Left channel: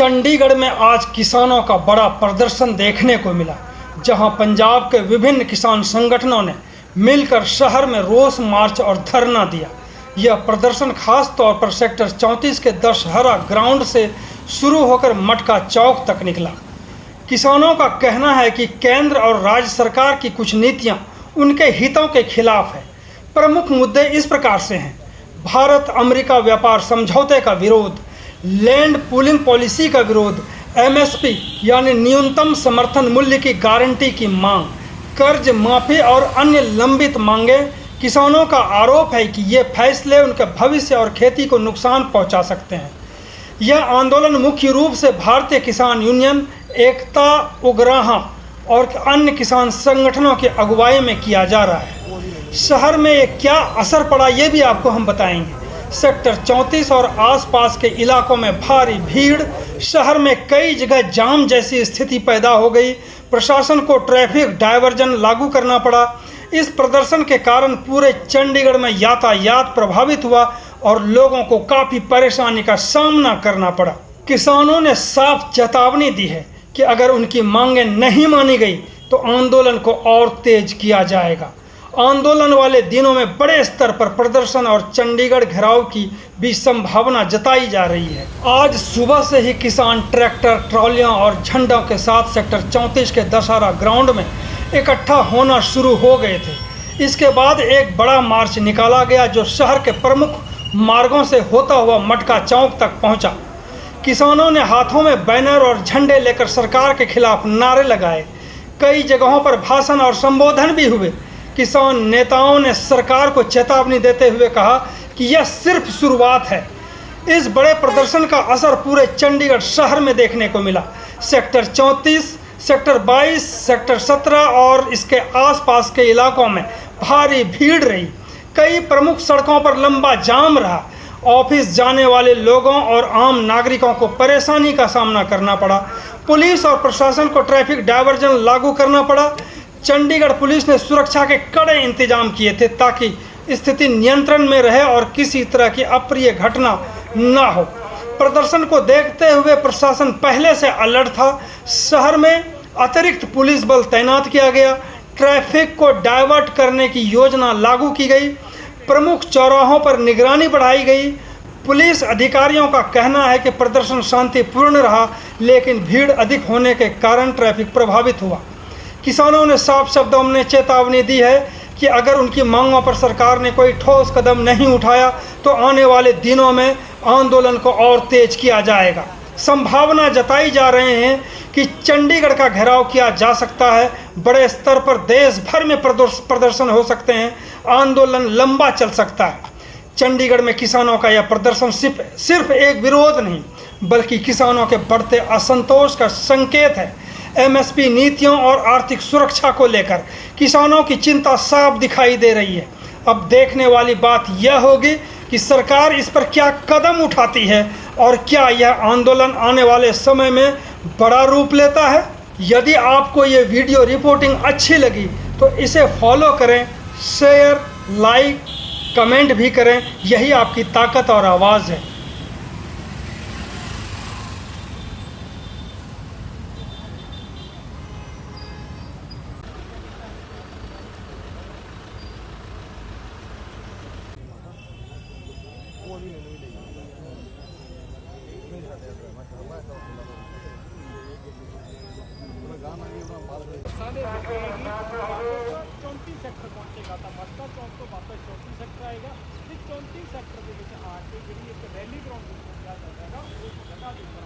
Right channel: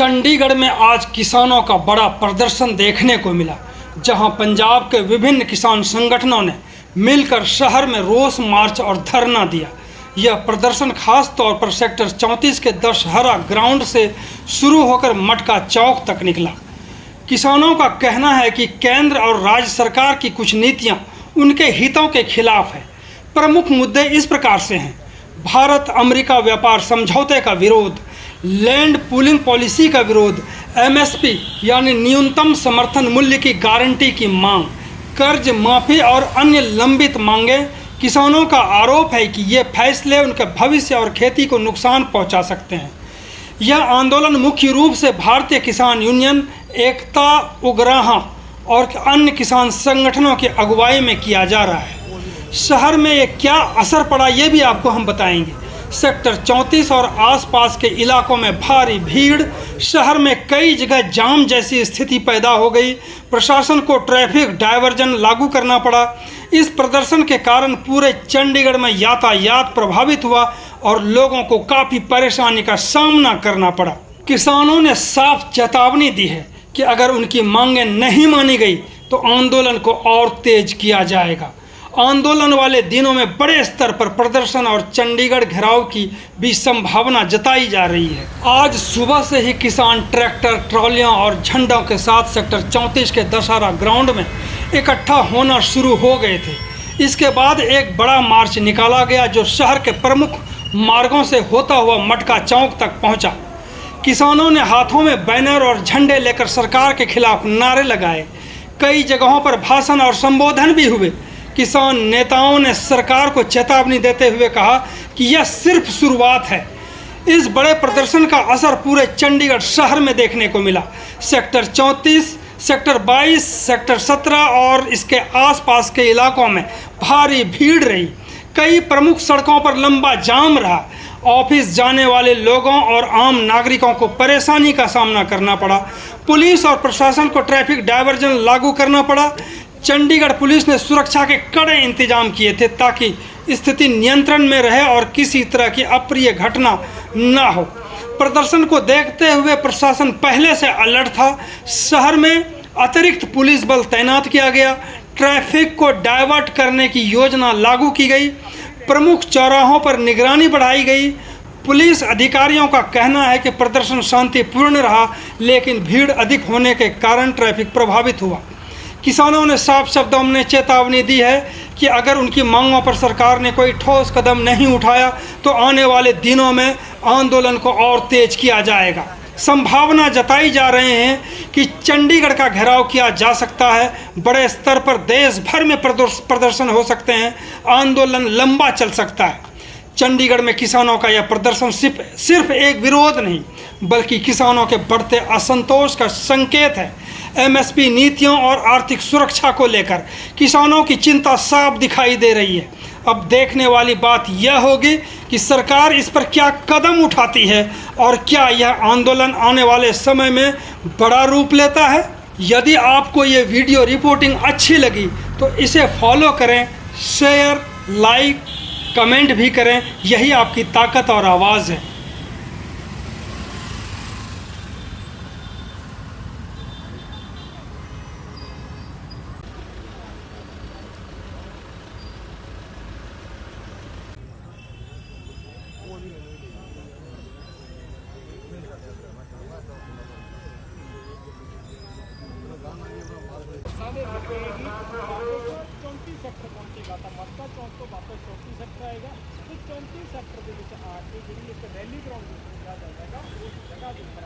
चंडीगढ़ में आज किसानों का बड़ा प्रदर्शन देखने को मिला, जहां पंजाब के विभिन्न किसान संगठनों ने मिलकर शहर में रोष मार्च और धरना दिया। यह प्रदर्शन खास तौर पर सेक्टर 34 के दशहरा ग्राउंड से शुरू होकर मटका चौक तक निकला। किसानों का कहना है कि केंद्र और राज्य सरकार की कुछ नीतियां उनके हितों के खिलाफ है। प्रमुख मुद्दे इस प्रकार से हैं: भारत अमेरिका व्यापार समझौते का विरोध, लैंड पूलिंग पॉलिसी का विरोध, एमएसपी यानी न्यूनतम समर्थन मूल्य की गारंटी की मांग, कर्ज माफी और अन्य लंबित मांगे। किसानों का आरोप है कि ये फैसले उनके भविष्य और खेती को नुकसान पहुंचा सकते हैं। यह आंदोलन मुख्य रूप से भारतीय किसान यूनियन, एकता उग्राहा और अन्य किसान संगठनों की अगुवाई में किया जा रहा है। शहर में ये क्या असर पड़ा, ये भी आपको हम बताएंगे। सेक्टर 34 और आसपास के इलाकों में भारी भीड़, शहर में कई जगह जाम जैसी स्थिति पैदा हो गई। प्रशासन को ट्रैफिक डायवर्जन लागू करना पड़ा। इस प्रदर्शन के कारण पूरे चंडीगढ़ में यातायात प्रभावित हुआ और लोगों को काफ़ी परेशानी का सामना करना पड़ा। किसानों ने साफ चेतावनी दी है कि अगर उनकी मांगें नहीं मानी गई तो आंदोलन को और तेज किया जाएगा। आंदोलन वाले दिनों में बड़े स्तर पर प्रदर्शन और चंडीगढ़ घेराव की भी संभावना जताई जा रही है। आज सुबह से ही किसान ट्रैक्टर, ट्रॉलियां और झंडों के साथ सेक्टर 34 के दशहरा ग्राउंड में इकट्ठा होना शुरू हो गए थे। इसके बाद एक बड़ा मार्च निकाला गया जो शहर के प्रमुख मार्गों से होता हुआ मटका चौक तक पहुंचा। किसानों ने हाथों में बैनर और झंडे लेकर सरकार के खिलाफ नारे लगाए। कई जगहों पर भाषण और संबोधन भी हुए। किसान नेताओं ने सरकार को चेतावनी देते हुए कहा कि यह सिर्फ शुरुआत है। इस बड़े प्रदर्शन का असर पूरे चंडीगढ़ शहर में देखने को मिला। सेक्टर 34, सेक्टर 22, सेक्टर 17 और इसके आसपास के इलाकों में भारी भीड़ रही। कई प्रमुख सड़कों पर लंबा जाम रहा। ऑफिस जाने वाले लोगों और आम नागरिकों को परेशानी का सामना करना पड़ा। पुलिस और प्रशासन को ट्रैफिक डायवर्जन लागू करना पड़ा। चंडीगढ़ पुलिस ने सुरक्षा के कड़े इंतजाम किए थे ताकि स्थिति नियंत्रण में रहे और किसी तरह की अप्रिय घटना ना हो। प्रदर्शन को देखते हुए प्रशासन पहले से अलर्ट था। शहर में अतिरिक्त पुलिस बल तैनात किया गया। ट्रैफिक को डाइवर्ट करने की योजना लागू की गई। प्रमुख चौराहों पर निगरानी बढ़ाई गई। पुलिस अधिकारियों का कहना है कि प्रदर्शन शांतिपूर्ण रहा, लेकिन भीड़ अधिक होने के कारण ट्रैफिक प्रभावित हुआ। किसानों ने साफ शब्दों में चेतावनी दी है कि अगर उनकी मांगों पर सरकार ने कोई ठोस कदम नहीं उठाया तो आने वाले दिनों में आंदोलन को और तेज किया जाएगा। संभावना जताई जा रहे हैं कि चंडीगढ़ का घेराव किया जा सकता है। बड़े स्तर पर देश भर में प्रदर्शन हो सकते हैं। आंदोलन लंबा चल सकता है। चंडीगढ़ में किसानों का यह प्रदर्शन सिर्फ एक विरोध नहीं, बल्कि किसानों के बढ़ते असंतोष का संकेत है। एमएसपी नीतियों और आर्थिक सुरक्षा को लेकर किसानों की चिंता साफ दिखाई दे रही है। अब देखने वाली बात यह होगी कि सरकार इस पर क्या कदम उठाती है और क्या यह आंदोलन आने वाले समय में बड़ा रूप लेता है। यदि आपको ये वीडियो रिपोर्टिंग अच्छी लगी तो इसे फॉलो करें, शेयर, लाइक, कमेंट भी करें। यही आपकी ताकत और आवाज़ है। सारे रुकेगी वापस 34 ਸੈਕਟਰ ਪਹੁੰਚੇਗਾ ਤਾਂ ਮਟਕਾ ਚੌਂਕ ਤੋਂ ਵਾਪਸ 34 ਸੈਕਟਰ ਆਏਗਾ ਤੇ 34 ਸੈਕਟਰ ਦੇ ਵਿੱਚ ਆ ਕੇ ਜਿਹੜੀ ਇੱਕ ਰੈਲੀ ਗਰਾਊਂਡ ਨੂੰ ਪਹੁੰਚਿਆ ਜਾਏਗਾ।